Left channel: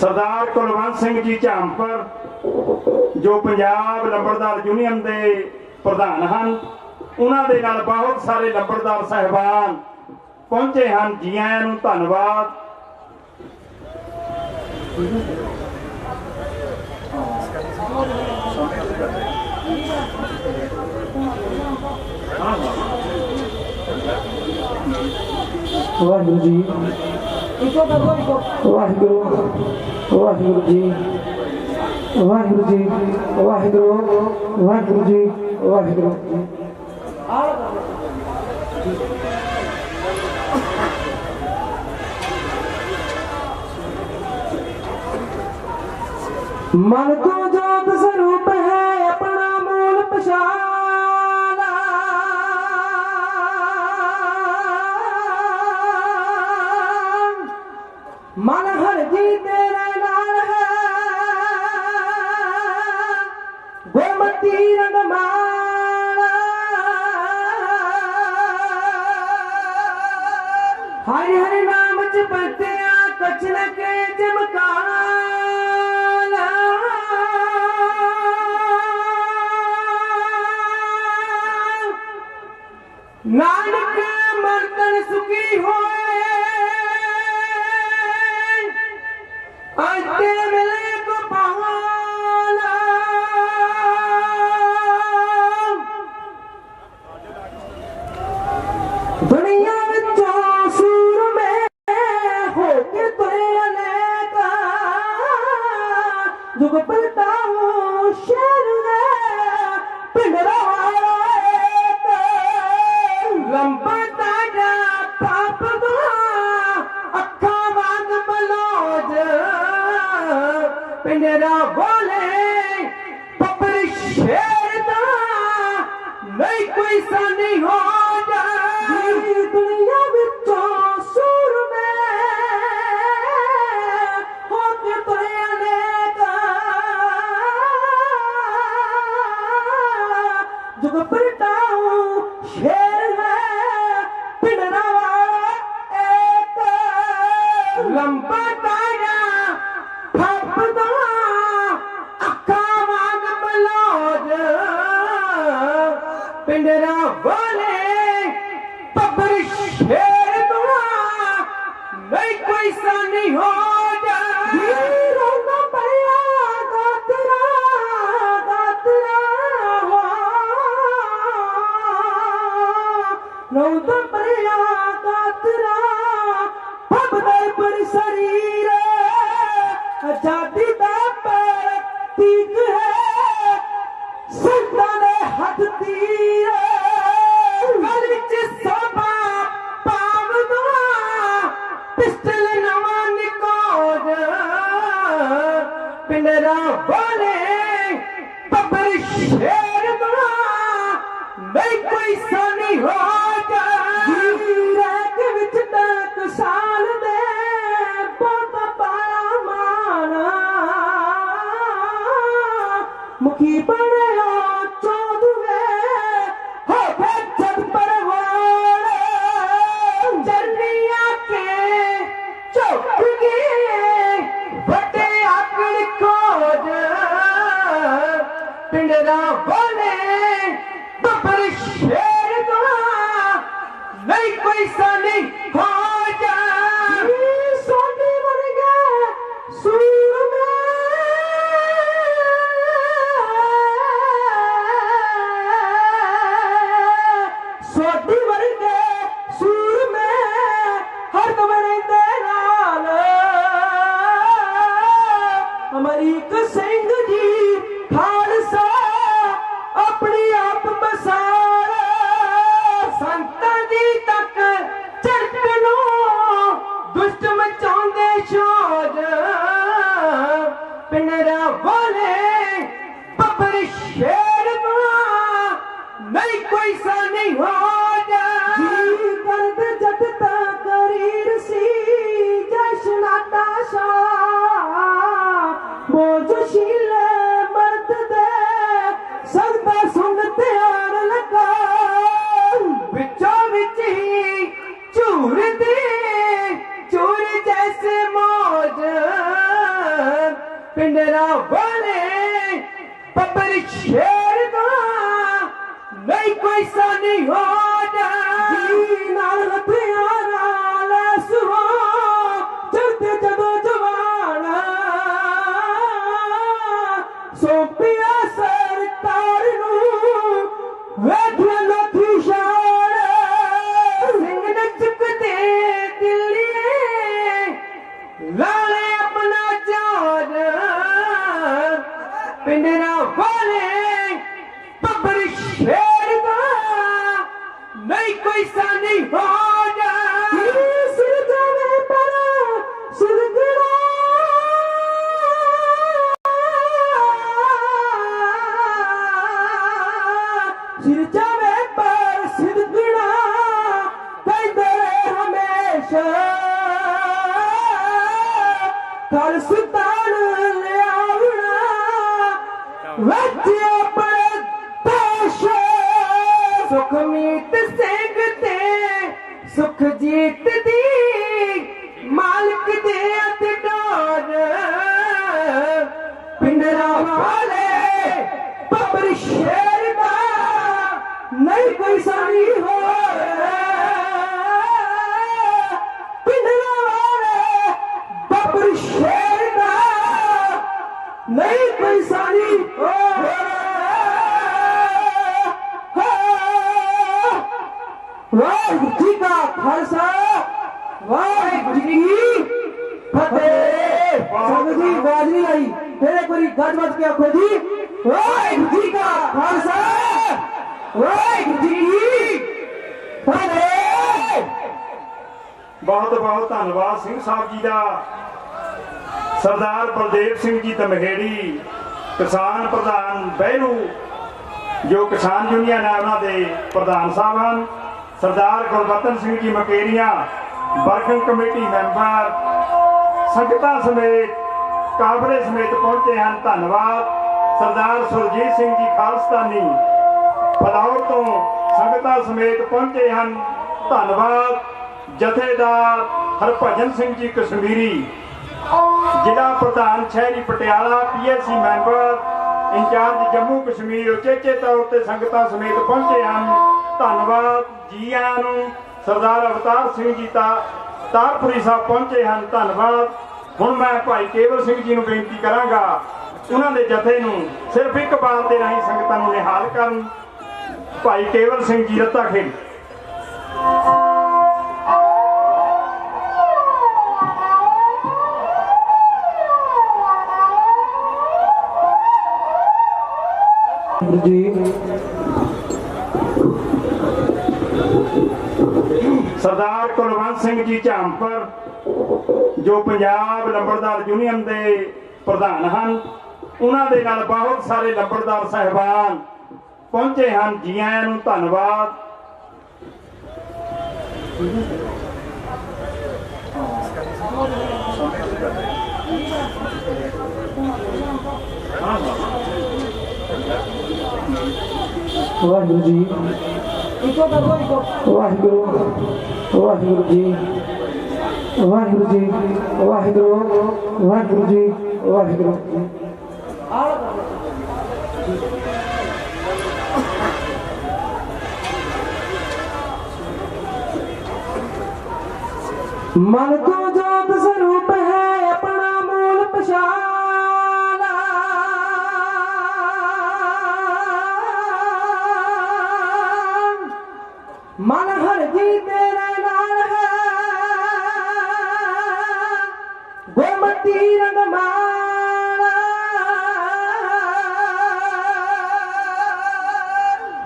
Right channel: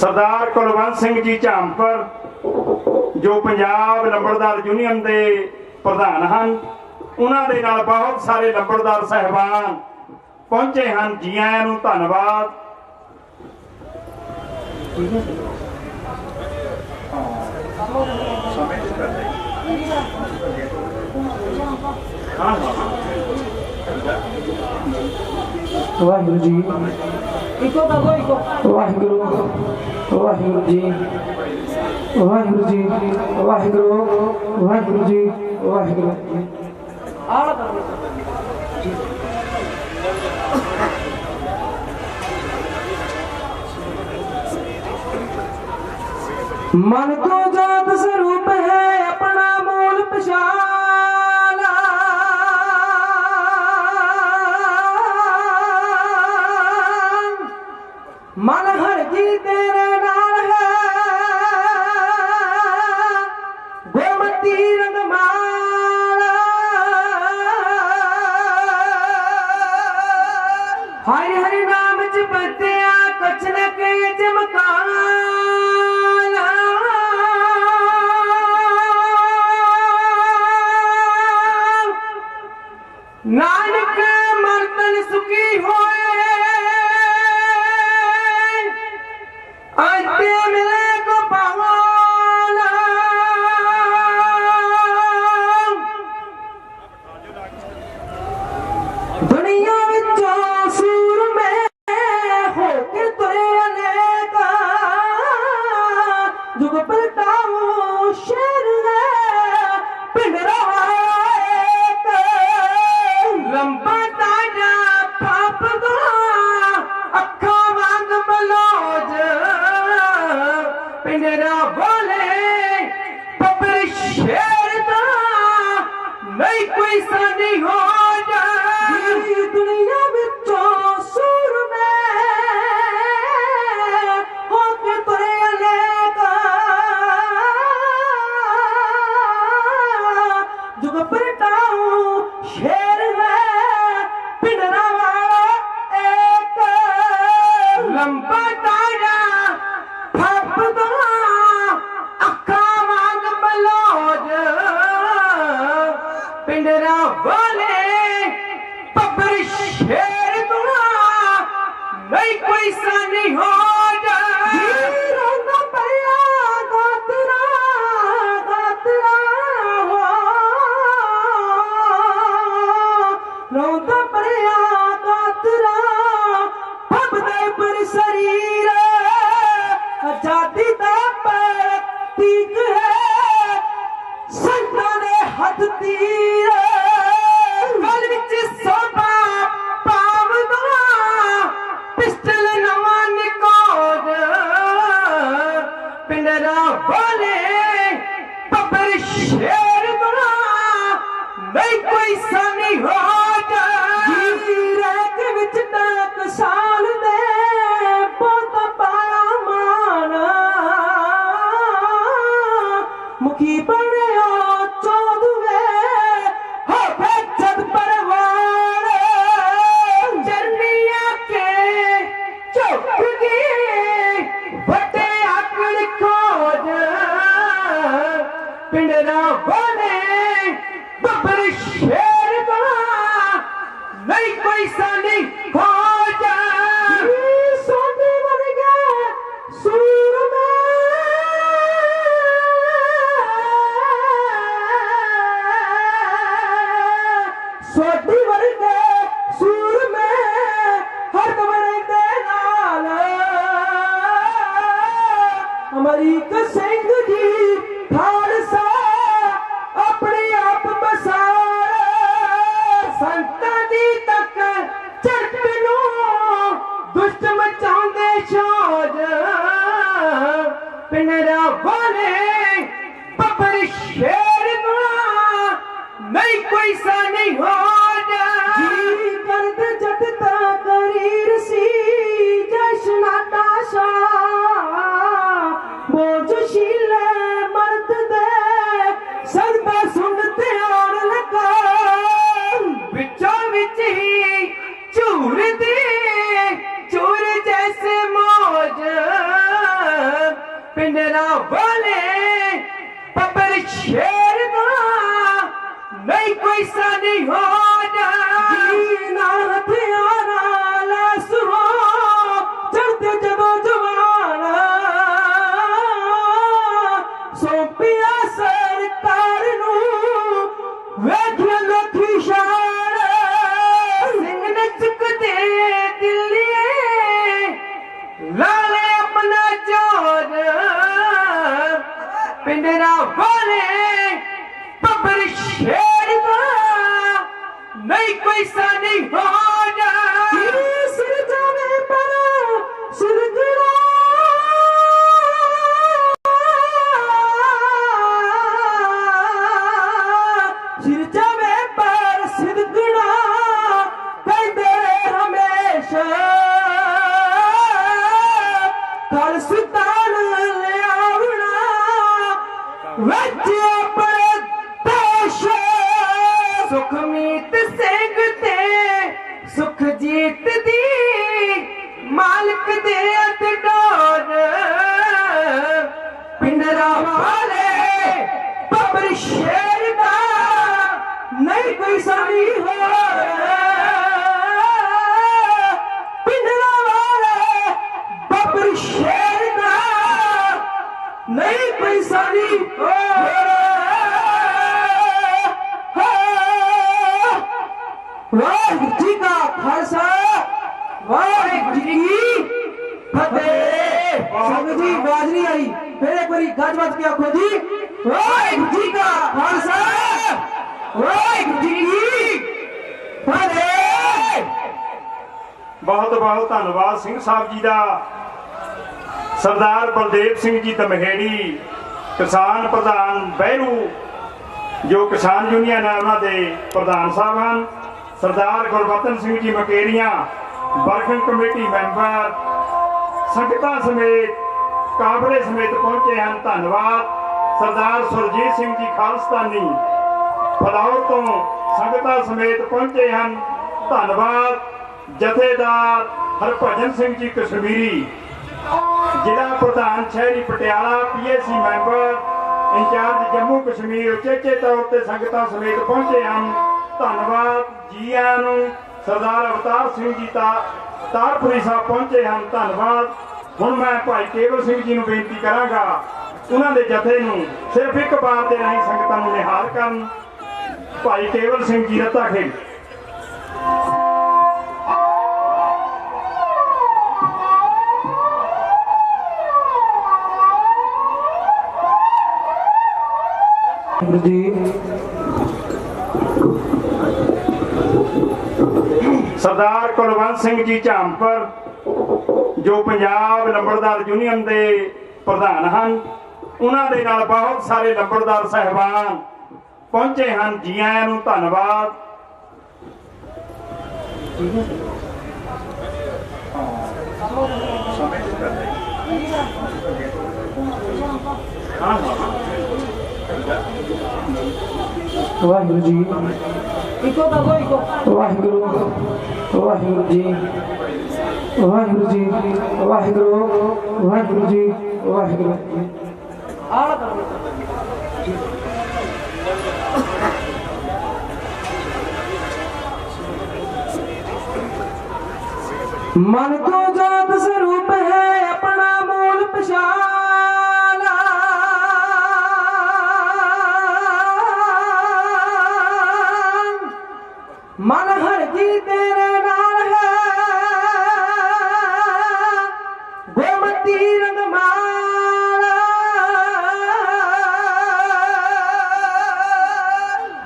सरदार कुलवंत सिंह जी झामपुर जो पंजाब लंबड़दार यूनियन के प्रधान हैं, उन्होंने नाल बहुत सारे लंबड़दार साहबान पहुंचे हैं। जी आयां नूं धन्नवाद। वाहिगुरु जी, वाहिगुरु वाहिगुरु जी, वाहिगुरु जी, वाहिगुरु वाहिगुरु जी, वाहिगुरु। मन को जात स्वरूप है अपना मूल पछाना, मन हर जी तेरे नाल है गोमती रंगमाला। हरि हरि नाम च बतिया कछ न के चमकाना। नानक मन तन सुखी होए अंते मिले को पावाना। दुनिया विचों सूर में होके तुरे अनेका, जुग पलटाऊं शेर है पिंडरा लंबा ताजा पाप दा अखा वांग मलोज पिंडरा बोले पपर शेर दा नहीं कोई सानी हो जा। दुनिया विचों सूर में होके तुरे अनेका, जुग पलटाऊं शेर लंबा तारा फपदा अखा वांग मलोज पिंडरा बोले पबर शेर तो नहीं कोई सानी हो जा। रोंदा पया गातरा गातरा हो, रोंदा पया गातरा पर शरीर आजादी दा प्रतीक है संतां दे हथ तीर। गल विच सोभा पावदा पिस्टल नवां निकोज पिंडरा बोले पबर शेर दा नहीं कोई सानी हो जा। रैक विच डाक साल दे बहुत पाया माना, मुखी बनया चौदवे हो जद परवान। जर्निया के चौकगी बटे आकड़ खोज पिंडरा बोले बबर शेर का नहीं कोई सानी हो जा। सोने मर गए सूर में सोटी मर गए सूर में हर कमरे दे नाल अमरीक सिंह जी खालसा अपने आप बसार संतां जी तक चढ़ लो पिंडरा वाले पब्बर शेर दा नहीं कोई सानी हो जा जीना हथियारा ले सुहा चढ़ते जदों जवाना सौंपिया सरकार नू वेख लोथी शान सिंह ने चुकते दिल्ली लाले अपना जोर पिंडरा वाले पब्बर शेर दा नहीं कोई सानी हो जा सिर जाने पर सिर गिरा सिर जाने पर सिर गिरा कहते हमेशा कल सुल्तान ले आवना वच्चे अपने देश सुखमीत सिंह ते सुखजीत दी मालिक दे अतडोर पिंडरा वाले पब्बर शेर दा नहीं कोई सानी हो पिंडरा वाले पब्बर शेर दा नहीं कोई सानी हो वाहिगुरू जी का खालसा वाहिगुरू जी की फतेह संगत जी आवाज नहीं आई फिर एक बारी गज मत के आखो जी वाहिगुरू जी का खालसा वाहिगुरू जी की फतेह बहुत बहुत धन्यवाद सिंह साहब जी का। सरदार बलदेव सिंह जी तमहेड़ी किसान प्रधान बहरू जो किसान यूनियन है उन्होंने प्रधान साहब हैं। सरदार Gurbachan Singh ji Mukerian working committee member संगतां समेत काबले समेत पहुंचे हैं, धन्यवाद। सरदार सुरजीत सिंह जी खालस्तानी फलौर तो संगतां समेत पहुंचे हैं, धन्यवाद। जथेदार हरभजन सिंह जी कश्मीरी जिला प्रधान शहरी Patiala PSC member incharge Jammu Kashmir उचेचे तौर पर संगतां समेत पहुंचे हैं, धन्यवाद जी आयां नूं। सरदार अवतार सिंह जी तारपुरी साहब पहुंचे हैं, धन्यवाद। हुण मैं भाई केवल सिंह जी नूं बेनती करांगा उन्हां दे जथे नूं सिर्फ एक बार दे राहीं संगतां नूं निहाल करन। भाई केवल सिंह जी रत्ता खेड़ जी सरदार कुलवंत सिंह जी झांपर जो पंजाब लंबड़दार यूनियन के प्रधान हैं, उन्होंने नाल बहुत सारे लंबड़दार साहबान पहुंचे हैं, जी आयां नूं धन्यवाद। वाहिगुरू जी वाहिगुरू वाहिगुरू जी वाहिगुरू जी वाहिगुरू वाहिगुरू जी वाहिगुरू मन तो जात स्वरूप है अपना मूल पछाना मन हर जी तेरे नाल है गोमती रंगमाला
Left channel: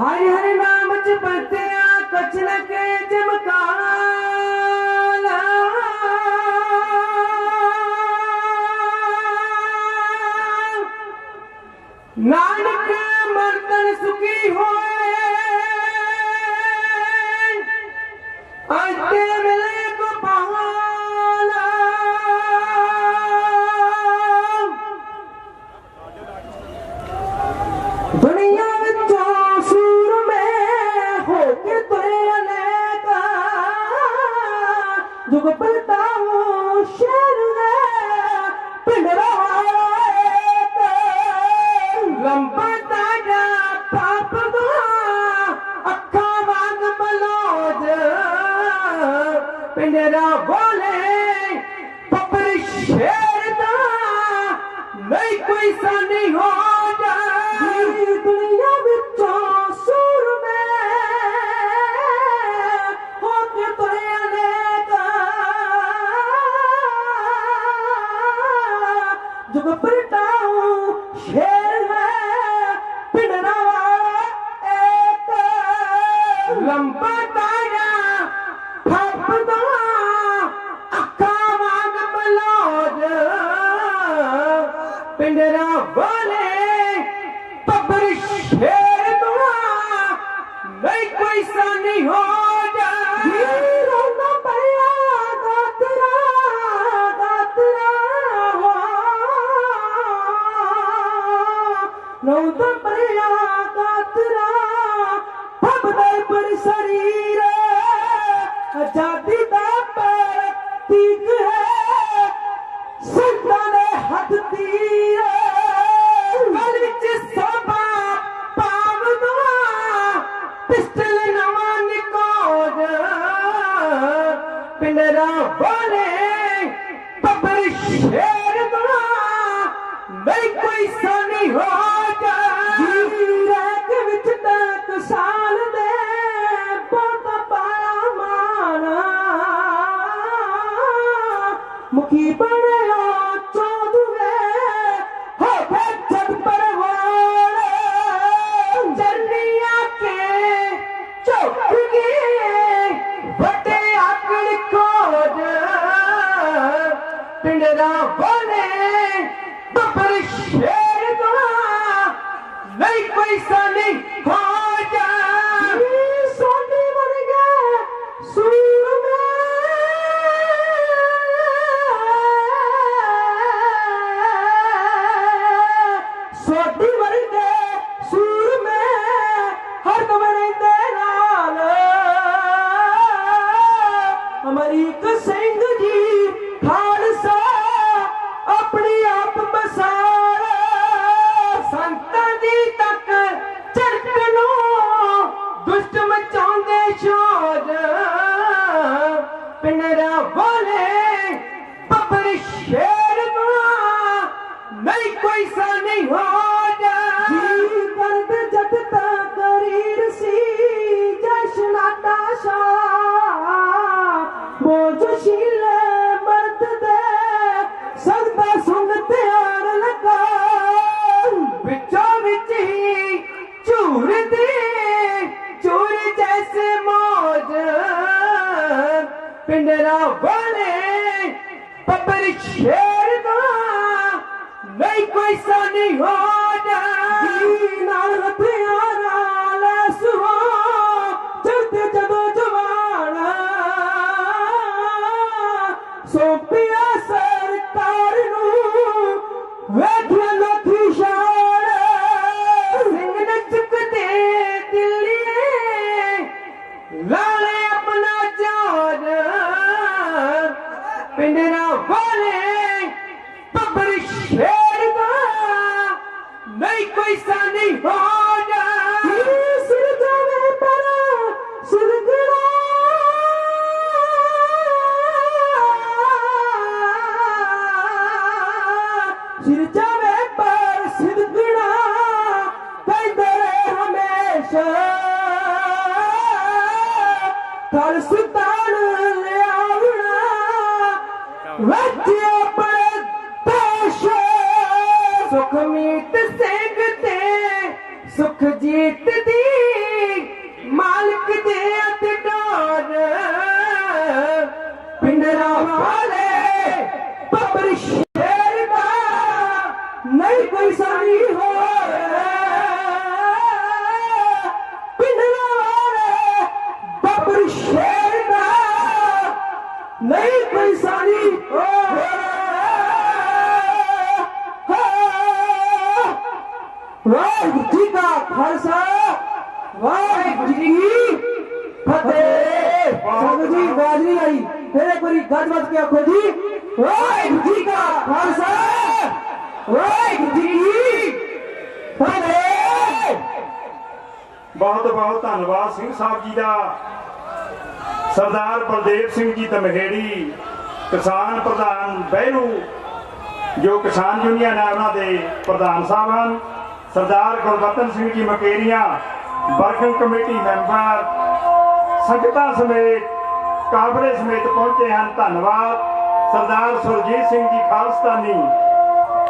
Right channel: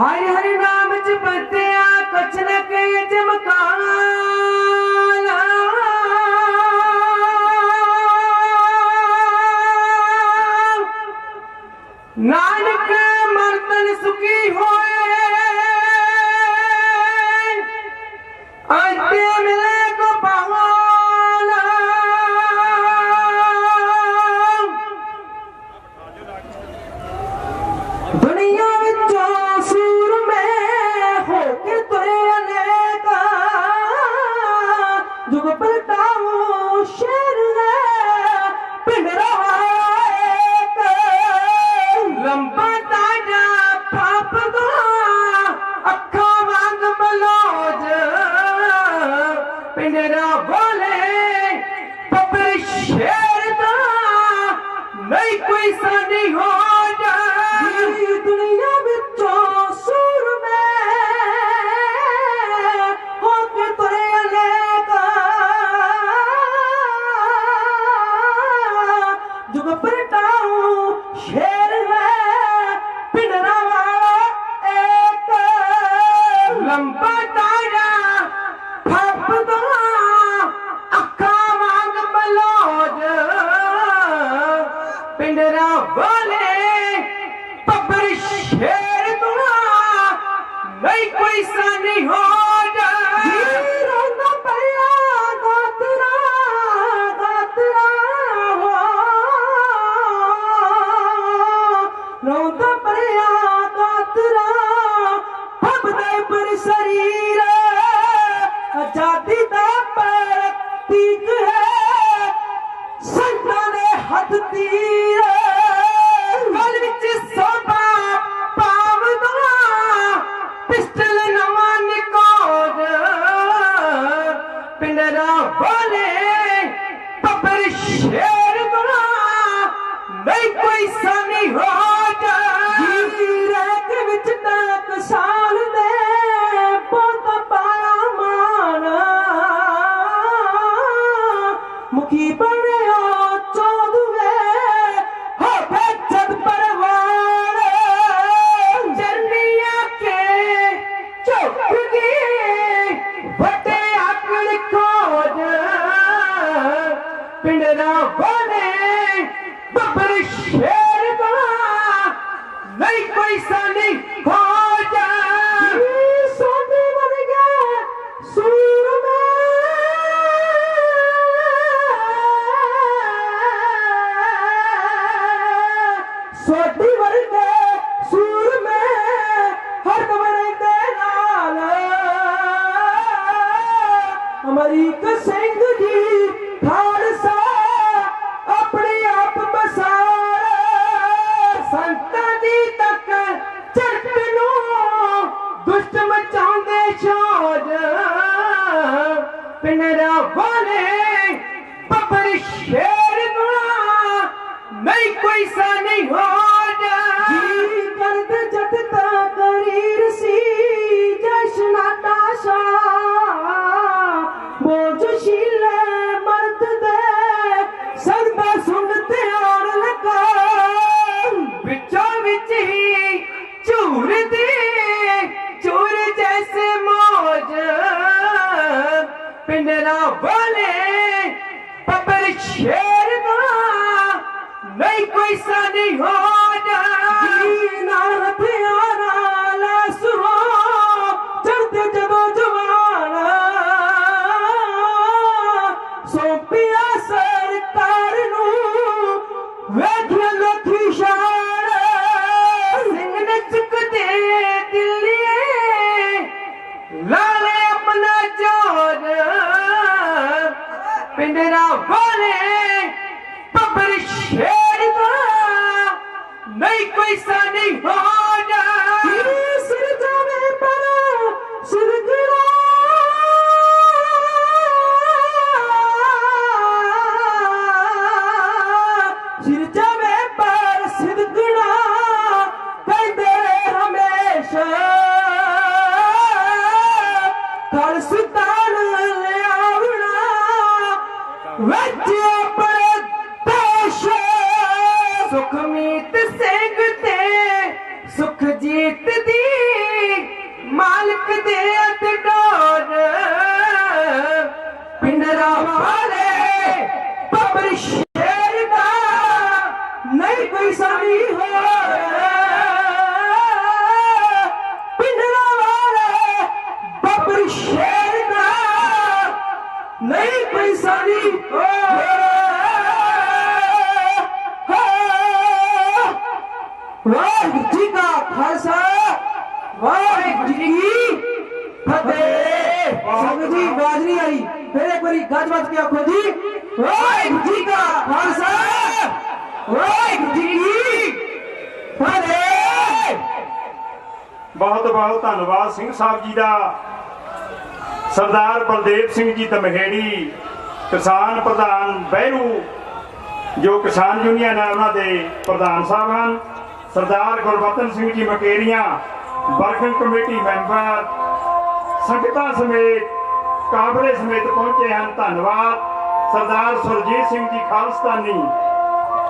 हरि हरि नाम च बरतिया कछ न के चमकाला नानक मर्तन सुखी होए आते मिले को पहाड़ा दुनिया विचों सूर में होके तुरे अनेका जुग पलटाऊं शेर रे पिंड रहा पिंडरा बोले पपर शेर दा नहीं कोई सानी हो जा दुनिया विचों सूर में होके तुरे अनेका जुग परटाऊ शेर है पिंडरा वाला एक लंबा तारा फपदा अखा वांग मलौद पिंडरा बोले पब्बर शेर तो नहीं कोई सानी हो जा रोंदा पया गातरा हो रोंदा पया गातरा फबदा पर शरीर आजादी दा प्रतीक है संतां दे हथ तीर गल विच सोभा पावदा पिस्टल नवां निकोद पिंडरा बोले पब्बर शेर दा नहीं कोई सानी हो जा रैक विच तक साल दे बहुत पाया मान मुखी बनया चौदवे हो जद परवान जर्निया के चुप गए बटे आकड़ खोज पिंडरा बोले बब्बर शेर दा नहीं कोई सानी हो जा सोने वर्गा सूर में सोटी वर्गे सूर में हर बने दे नाल अमरीक सिंह जी खालसा अपने आप बसार संतां जी तक चरकनो दुष्ट मचाउंदे शोर पिंडरा बोले पब्बर शेर दा नहीं कोई सानी हो जा जी करद जद तकरीर सी जशनाटा शाह बोझ शीले मर्द दे सगदा सुन त्यार लगा विचों विच ही झूर दे चूर जैसे मौज पिंडरा बोले पब्बर शेर दा नहीं कोई सानी हो जा नाल हथियारा लैस हो चलते जदों जवान सौंपिया सरकार नू वेख लोथी शान सिंह ने चुकते दिल्ली लाले अपना जोर पिंडरा बोले पब्बर शेर दा नहीं कोई सानी हो जा सिर जाने पर सिरगड़ा सिर जाने पर सिरगड़ा कहते हमेशा कल सुल्तान ले आवना वच्चे अपने देश सुखमीत सिंह ते सुखजीत दी मालिक दे अतडोर पिंडरा वाले पब्बर शेर दा नहीं कोई सानी हो पिंडरा वाले पब्बर शेर दा नहीं कोई सानी हो वाहिगुरू जी का खालसा वाहिगुरू जी की फतेह संग जी आवाज नहीं आई फिर एक बारी गज मत के आखो जी वाहिगुरू जी का खालसा वाहिगुरू जी की फतेह बहुत बहुत धन्यवाद सिंह साहब जी का। सरदार बलदेव सिंह जी दमहेड़ी किसान प्रधान बहरू जो किसान यूनियन है उन्होंने प्रधान साहब हैं। सरदार Gurbachan Singh ji Mukerian working committee member संगतां समेत काबले समेत पहुंचे हैं, धन्यवाद। सरदार सुरजीत सिंह जी खालिस्तानी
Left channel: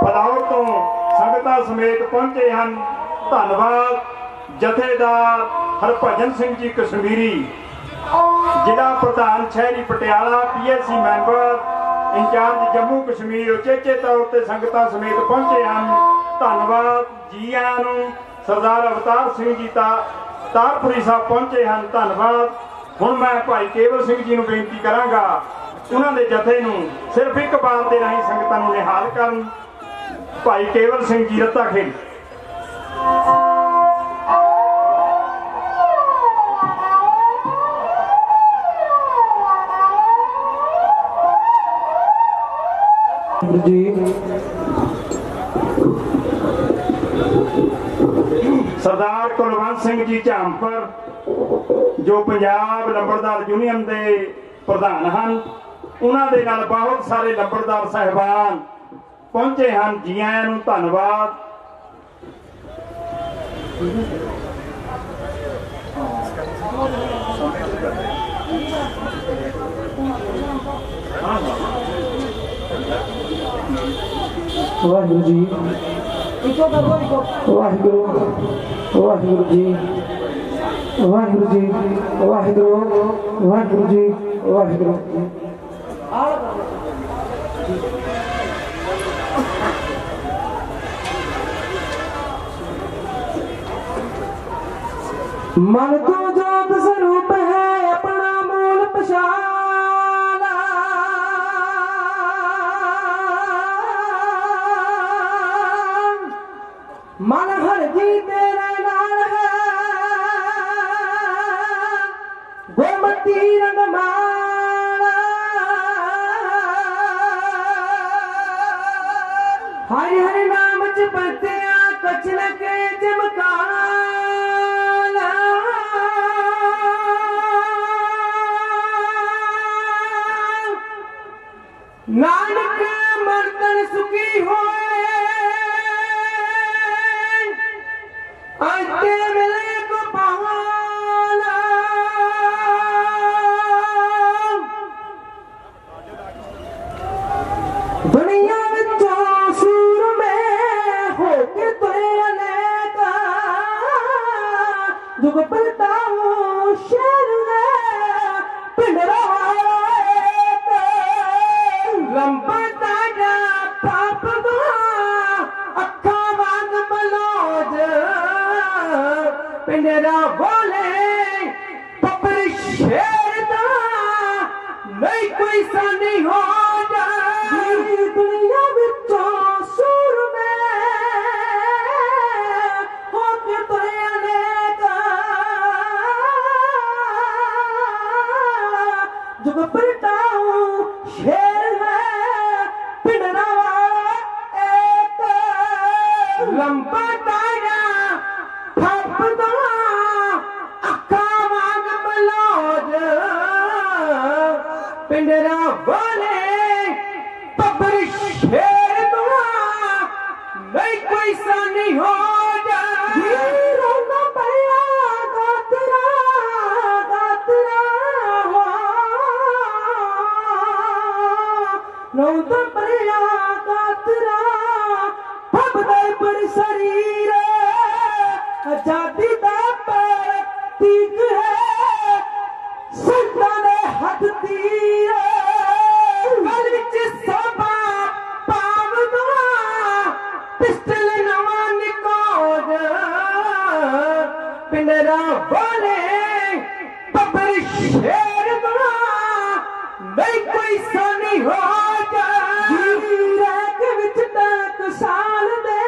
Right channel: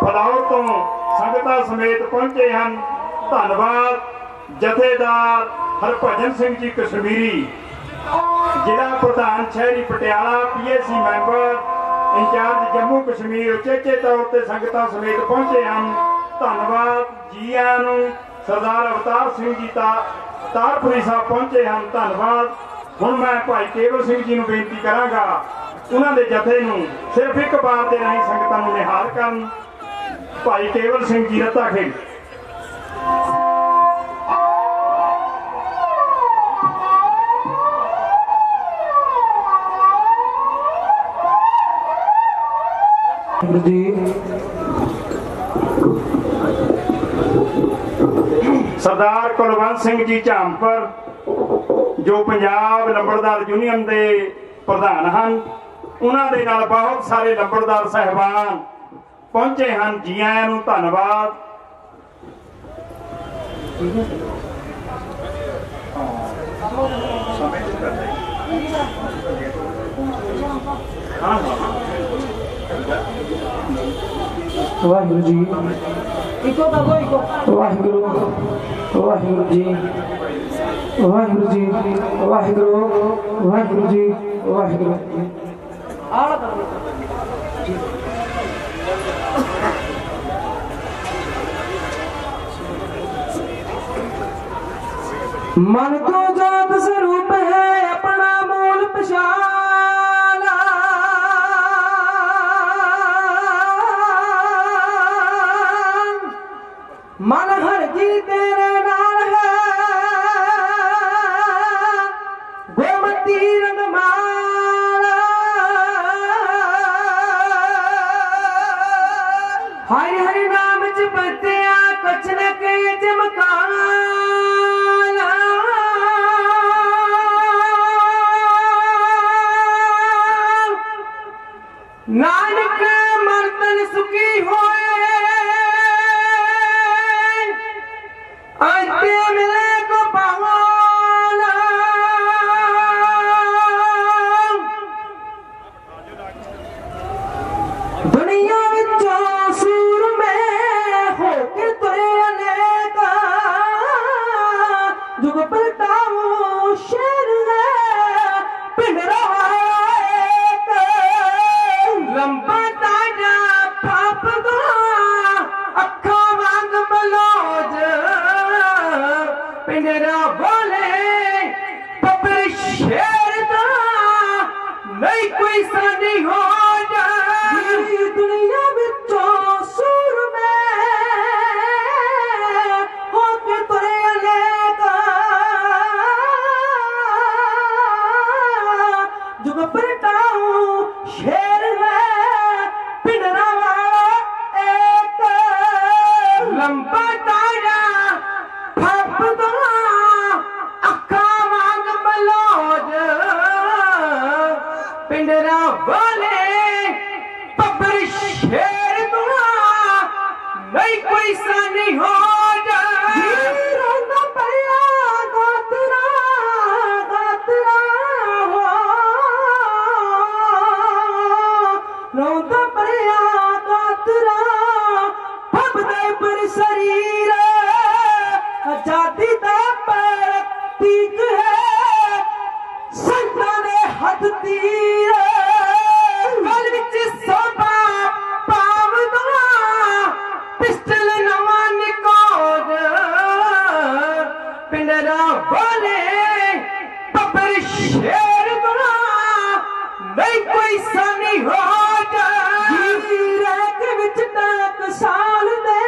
फलौर तो संगतां समेत पहुंचे हैं, धन्यवाद। जथेदार हरभजन सिंह जी कश्मीरी जिला प्रधान शहरी Patiala PSC member incharge Jammu Kashmir उचेचे तौर पर संगतां समेत पहुंचे हैं, धन्यवाद जी आयां नूं। सरदार अवतार सिंह जी तारपुरी साहब पहुंचे हैं, धन्यवाद। हुण मैं भाई केवल सिंह जी नूं बेनती करांगा उन्हां दे जथे नूं सिर्फ एक बार दे राहीं संगतां नूं निहाल करन। भाई केवल सिंह जी रत्ता खेड़। सरदार कुलवंत सिंह जी झामपुर जो पंजाब लंबड़दार यूनियन के प्रधान हैं, उन्होंने नाल बहुत सारे लंबड़दार साहिबान पहुंचे हैं, जी आयां नूं धन्यवाद। वाहिगुरु जी वाहिगुरु वाहिगुरु जी वाहिगुरु जी वाहिगुरु वाहिगुरु जी वाहिगुरु। मन को जात स्वरूप है अपना मूल पहचाना, मन हर जी तेरे नाल है गोमती रंगमाला। हरि हरि नाम च बरतिया कछ न के चमकाला। नानक मर्तन सुखी होए आते मिले को पावाला। दुनिया विचों सूर में होके तुरे अनेका जुग पलटाऊं शेर है पिंडरा लंबा ताजा पाप दा अखा वांग मलोज पिंडरा बोले पपर शेर दा नहीं कोई सानी हो जा। दुनिया विचों सूर में होके तुरे अनेका जुग पलटाऊं शेर लंबा तारा फपदा अखा वांग मलोज पिंडरा वाले पबर शेर तो नहीं कोई सानी हो जा। रोना पया गातरा गातरा हो रोना पया गातरा पर शरीर आजादी दा प्रतीक है संतां दे हथ तीर गल विच सोभा पावदा पिस्टल नवां निकोज पिंडरा बोले पबर शेर दा नहीं कोई सानी हो जा। रैक विच टक साल दे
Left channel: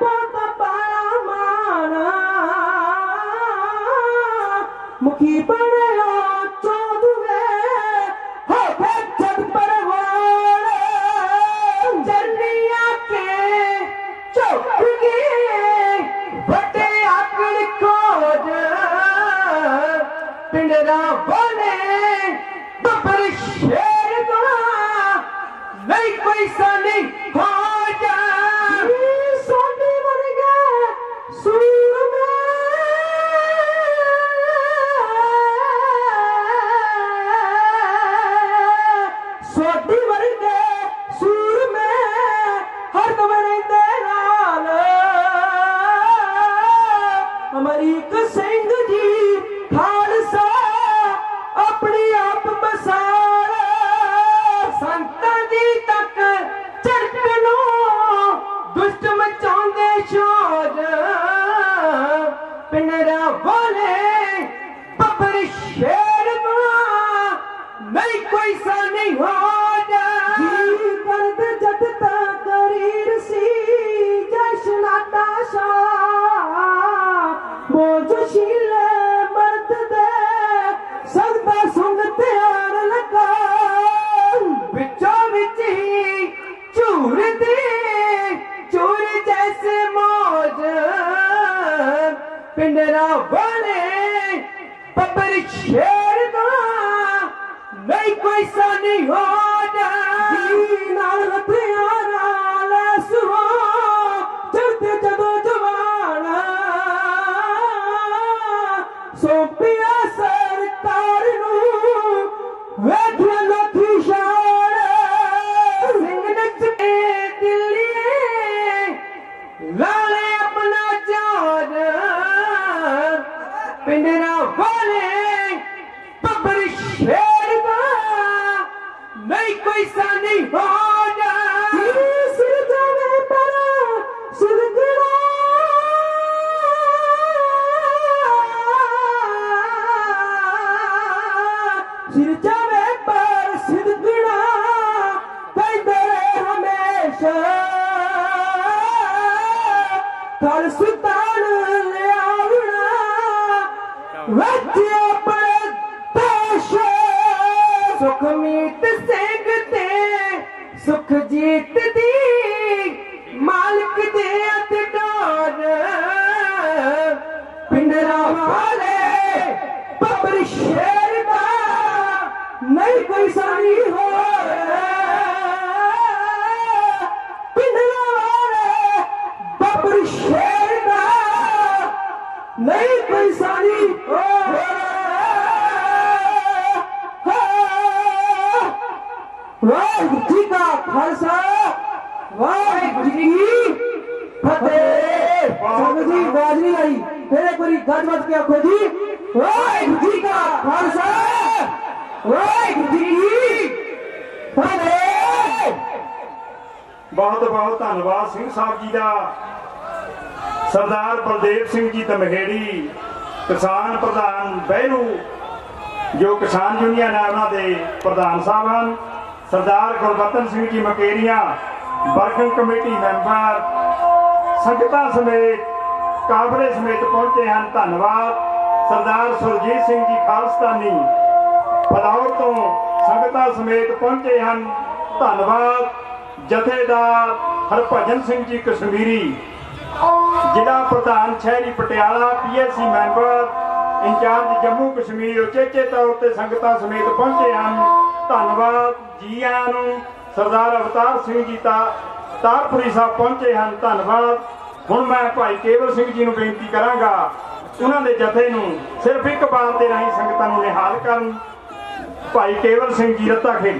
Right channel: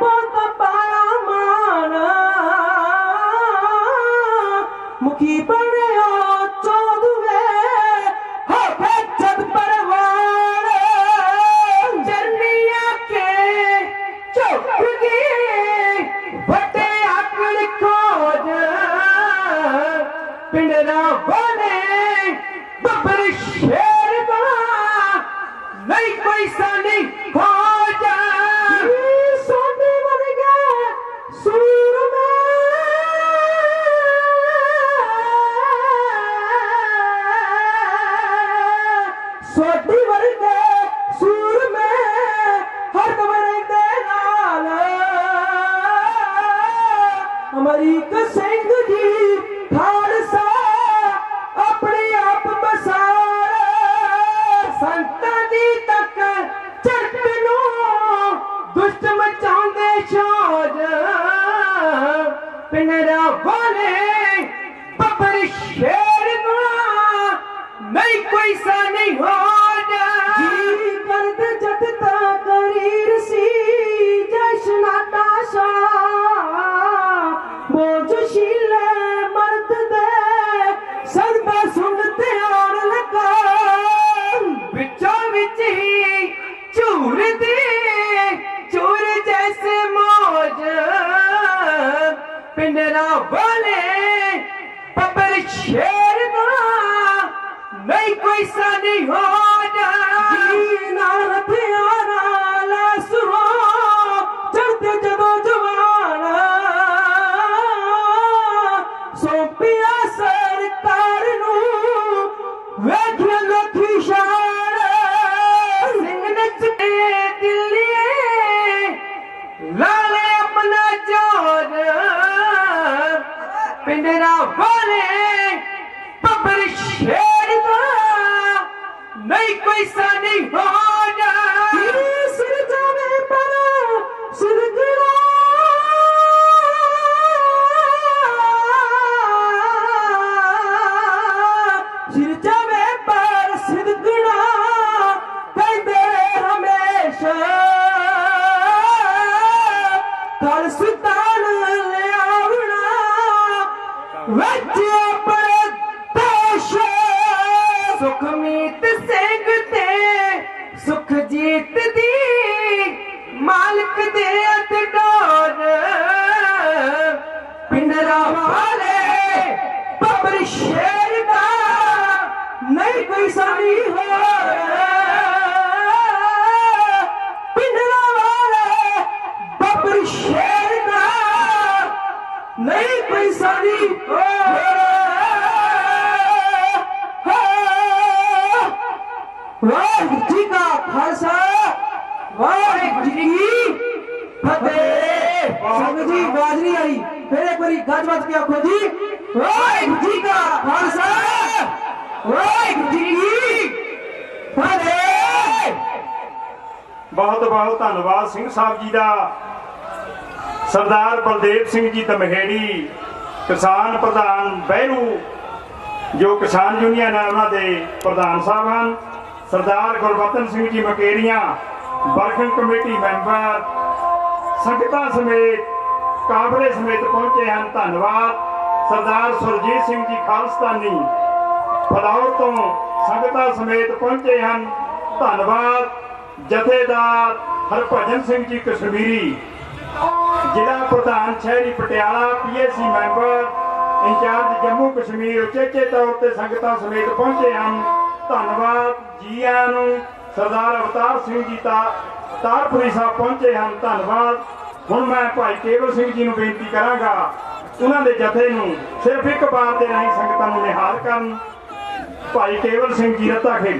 बहुत पाया माना मुखी बनिया चौदवे हो गए जद परवान जर्निया के चुप गए बटे आकड़ खोज पिंडरा बोले नहीं कोई सा नहीं होना जी करद जतता करीर सी जशना ताशा बोझशील मर्द दे संगता सुनते आन लगा बिचों बिच ही चूर दी चूर जैसे मौज पिंडरा वाले पपर शेर दा नहीं कोई सा नहीं होना नाल हथियारा ले सुहो चलते जदों जवान सौंपिया सरकार नू वेखिया लोकी शान सिंह नचते दिल्ली लाले अपना जोर पिंडरा वाले पपर शेर दा नहीं कोई सा नहीं होना सिर जावे पर सिरगड़ा सिर जावे पर सिरगड़ा कहते हमेशा कल सुल्तान ले आवना वच्चे अपने देश सुख मीत सिंह ते सुख जीत दी मालिक दे अतडोर पिंडरा वाले पबर शेर का नहीं कोई सानी हो पिंडरा वाले पबर शेर का नहीं कोई सानी हो वाहिगुरू जी का खालसा वाहिगुरू जी की फतेह संगत जी आवाज नहीं आई फिर एक बारी गजबात क्या आखो जी वाहिगुरू जी का खालसा वाहिगुरू जी की फतेह बहुत बहुत धन्यवाद सिंह साहब जी का सरदार बलदेव सिंह जी धमहेड़ी किसान प्रधान बहनू जो किसान यूनियन है उन्होंने प्रधान साहब हैं सरदार Gurbachan Singh ji Mukerian working committee member संगतां समेत काबले समेत पहुंचे हैं धन्यवाद सरदार सुरजीत सिंह जी खालिस्तानी फलौर तो संगतां समेत पहुंचे हैं धन्यवाद जथेदार हरभजन सिंह जी कश्मीरी जिला प्रधान शहरी Patiala PSC member incharge Jammu Kashmir उचेचे तौर पर संगतां समेत पहुंचे हैं धन्यवाद जी आयां नूं सरदार अवतार सिंह जी तारपुरी साहब पहुंचे हैं धन्यवाद हुण मैं भाई केवल सिंह जी नूं बेनती करांगा उन्हां दे जथे नूं सिर्फ एक बार दे राहीं संगतां नूं निहाल करन भाई केवल सिंह जी रत्ता खेड़